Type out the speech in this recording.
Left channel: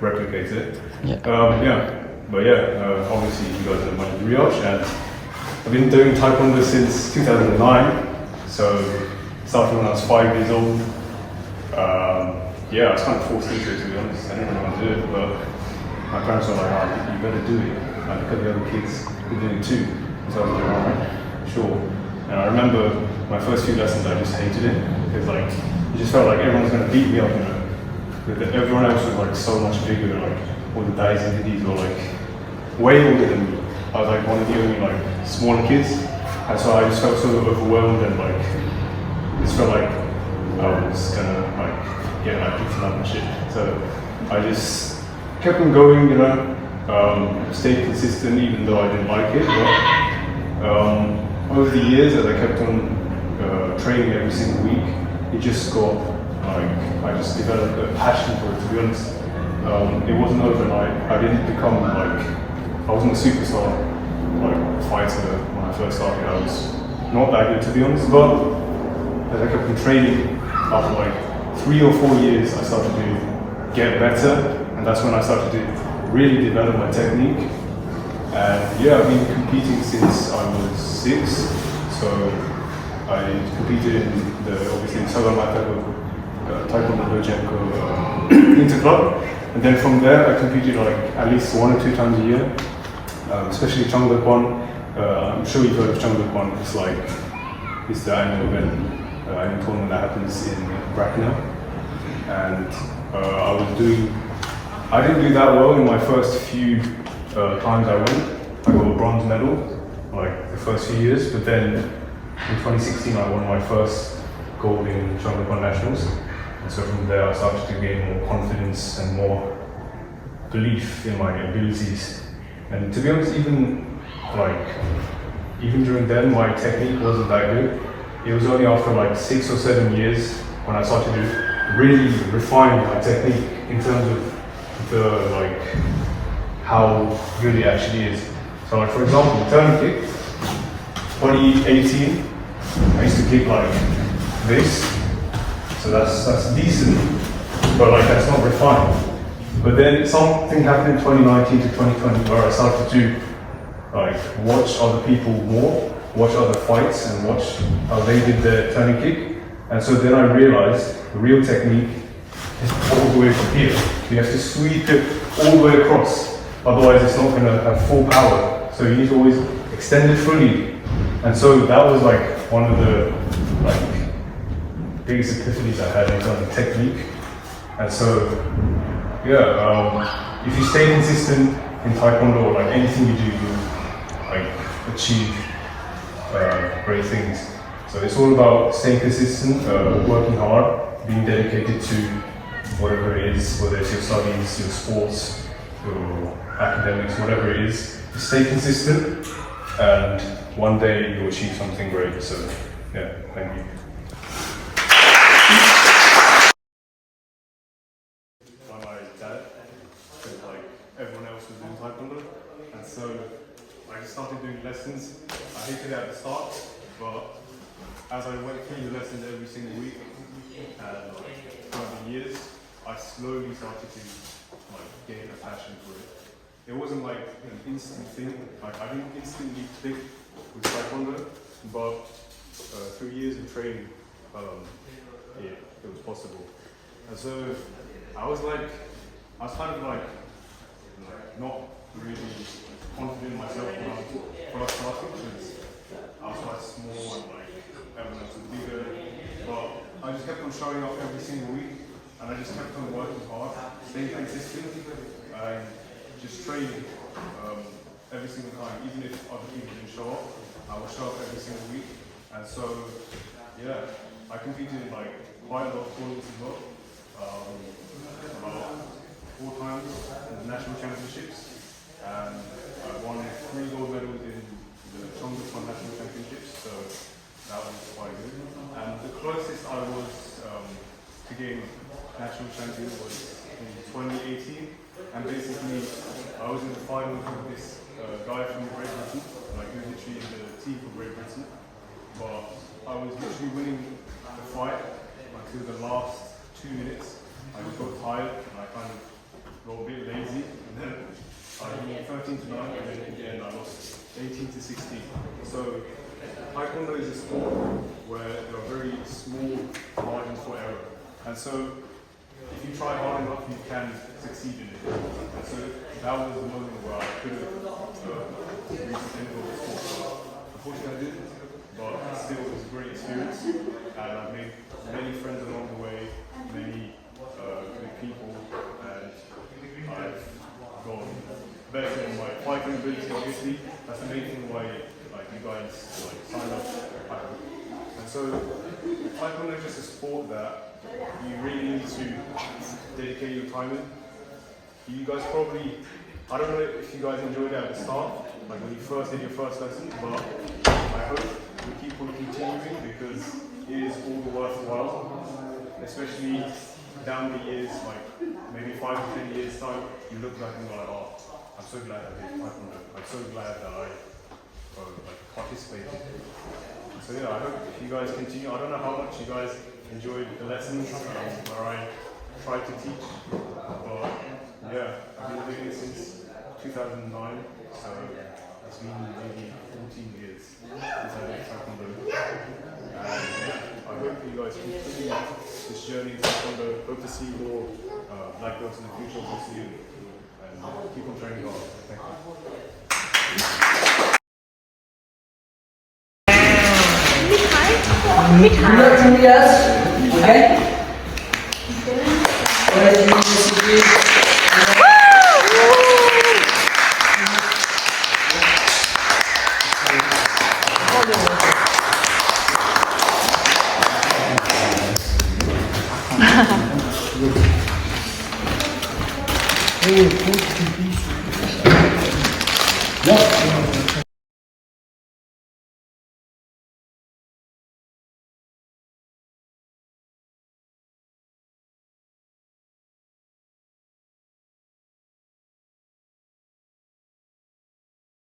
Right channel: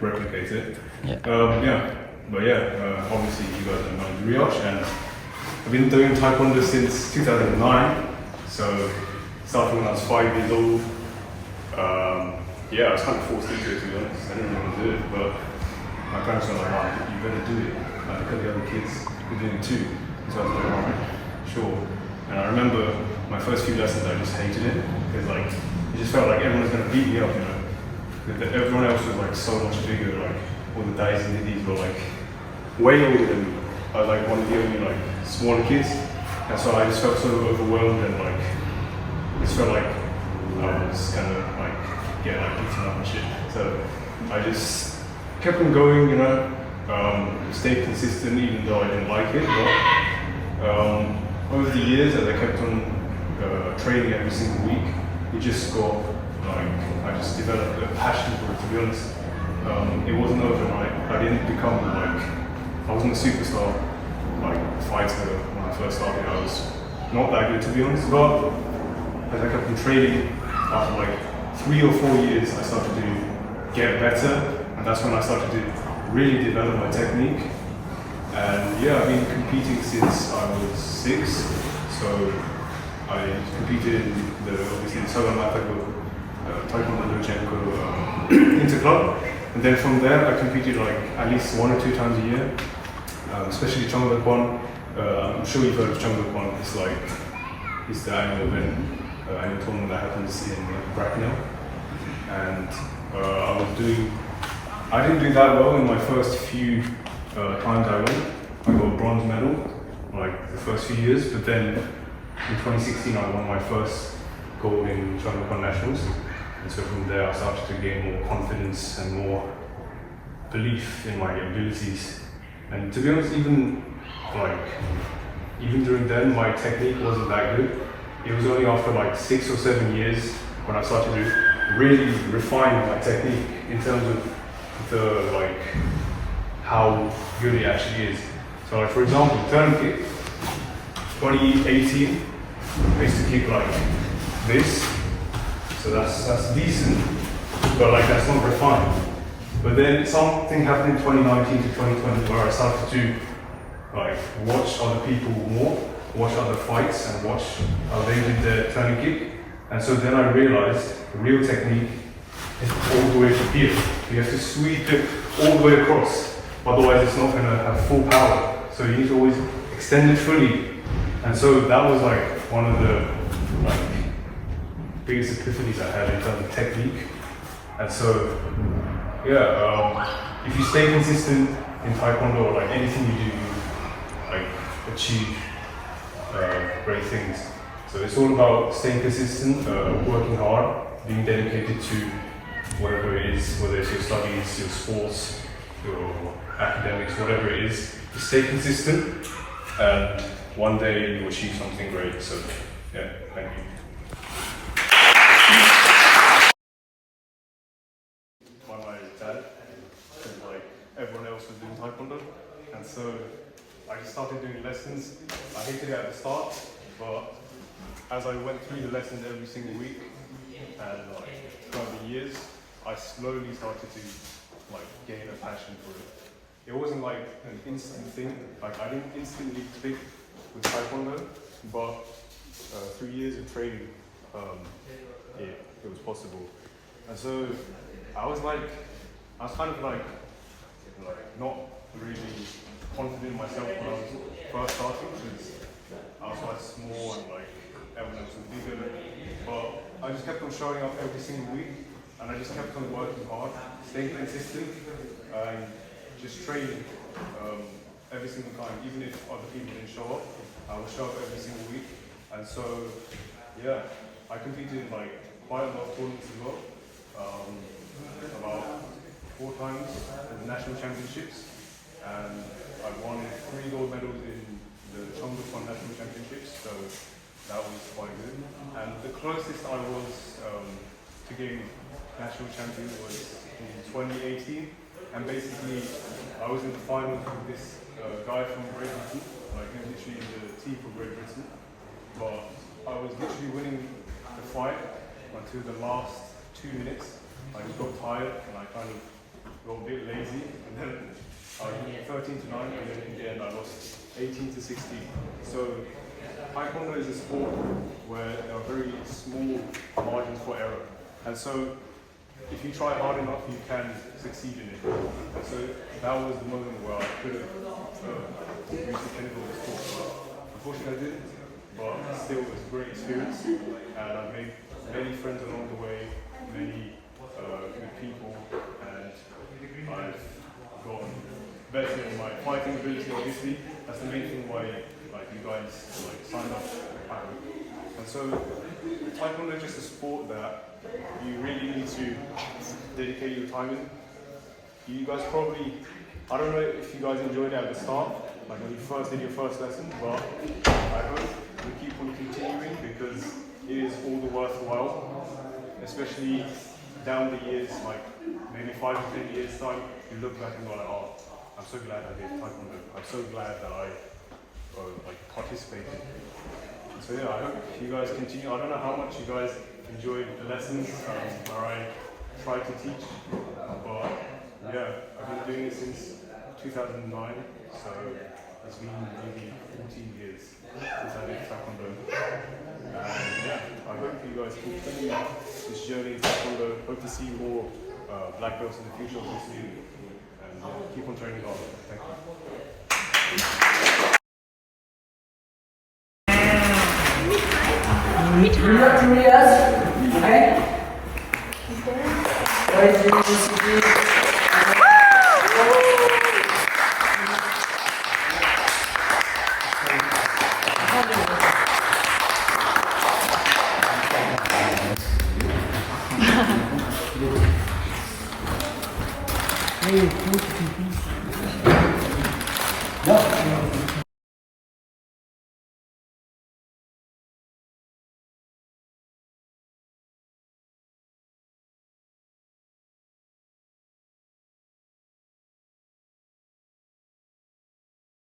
replicate it. Yeah. Obviously you guys know my name is Riyaj, and I've been doing Taekwondo since 2009. So starting when I was 5 years old. I was kind of forced into it, to be honest. I didn't really want to do it, but my parents were like, "Oh, you better do it." Like, because the other kids were doing it too. So I was like, "Alright, sure." And I remember my first few lessons, I just hated it because like it just felt like everyone was going to beat me up, you know. Everyone else was like so much bigger, like all the guys and ladies were like way older than me. I was like one of the only like smaller kids, and so I just felt so overwhelmed and like it just felt like I was gonna like get like beaten up and shit. So I just kept on going, you know, stayed consistent even though I didn't like it. But over the years, as I kept on training every single week, it just got like I just developed a passion for it. To be honest, it wasn't overnight. I didn't become like I wasn't a superstar like fighter when I first started. I was not that good, to be honest. But as I kept on training, after like 3 or 4 years, I started to get better, and that's when I started to really develop my technique. And yeah, I've been competing since I was 6. So I competed in the obviously Taekwondo Lochenko Interclub, and then from there I competed like at least 1 or 2 times a year, especially Cheongdaekwon. I'm sure you've heard of Cheongdaekwon. It's the annual event. Annual tournament that happens in Bracknell, and I didn't do that well in my first few times I went. I got a bronze medal like the first few years, but then in 2016 I won my first gold in Cheongdaekwon Nationals, and so from there I started to gain more confidence and more belief in my abilities. And to be honest, even during then my technique wasn't that good. It was only after like 6 or 7 years when I started to really refine my technique in terms of the like how good it actually is. So like for example, turn kick, 2018, I used to kick like this. So that's decent, but like that's not refined. But then something happened in 2019 to 2020 where I started to like watch other people more, watch other fights and watch how they did their turning kick. And so then I realized the real technique is all the way from here. You have to sweep it all the way across, otherwise it's not going to have full power. So you need to always extend it fully. And so that was like one of the like biggest epiphanies I had in terms of technique. And so if you stay consistent in Taekwondo or like anything you do, you like achieve great things. So it's all about staying consistent, working hard, being dedicated to whatever it is, whether it's your studies, your sports, your academics, whatever it is. Just stay consistent, and one day you'll achieve something great. So yeah, thank you. By my dad, because like everyone else was doing Taekwondo, and so I just started doing lessons. I hated it at the start, but as I went through the lessons every single week and throughout the years, I slowly started to like gain a passion for it. It wasn't like an instant thing. Like I didn't instantly click with Taekwondo, but through years of training, it was possible. And so I was kind of like not really confident in myself when I was first starting, because I was quite small and like everyone else was bigger. But I just kept on showing up every single week, and I just kept on working hard, staying consistent, and just training every single time. Even if other people didn't show up, I would show up every single week. And so, yeah, I competed in like quite a lot of tournaments as well. About 4 times in the national championships, and I won 3 gold medals in the Cheongdaekwon national championships, so that was quite good. And the closest I was to getting national champion was in 2018, and basically I was in the finals with this guy from Great Britain, like he was literally in the team for Great Britain, but I was literally winning the fight until the last 2 minutes. I just got tired and I kind of got a bit lazy, and then I 13 to 9, and then again I lost 18 to 16. So Taekwondo is a sport where there are very small margins for error, and so if you try hard enough, you can succeed in it. And so that was the moment where I could have reached the pinnacle of the sport. Unfortunately, I didn't, but still, it was a great experience, and I've made many friends along the way, many good people, and I've gotten better in my fighting ability. Obviously, that's the main thing why you guys signed up. And so, Taekwondo is just a sport that you really need to dedicate your time in. You guys probably, I don't know if you guys enjoyed it at the start, like when you first did your first lesson, but I hope you keep on continuing because it is all the worthwhile, especially down the years, like maybe 5 to 10 years time, you look back and go like, oh, I'm so glad I did Taekwondo. I'm so glad that I participated. So yeah, I hope you guys continue. I don't know how much you guys enjoyed the lessons where I tried to teach, but yeah, I've been doing it since 2009, so it's been maybe 14 years since I did Taekwondo. And yeah, I hope you guys continue this journey in Taekwondo. Hope to see more black belts in the future, obviously, and keep on training hard. Thank you. Good luck to Riyaj, okay? What is your message? What?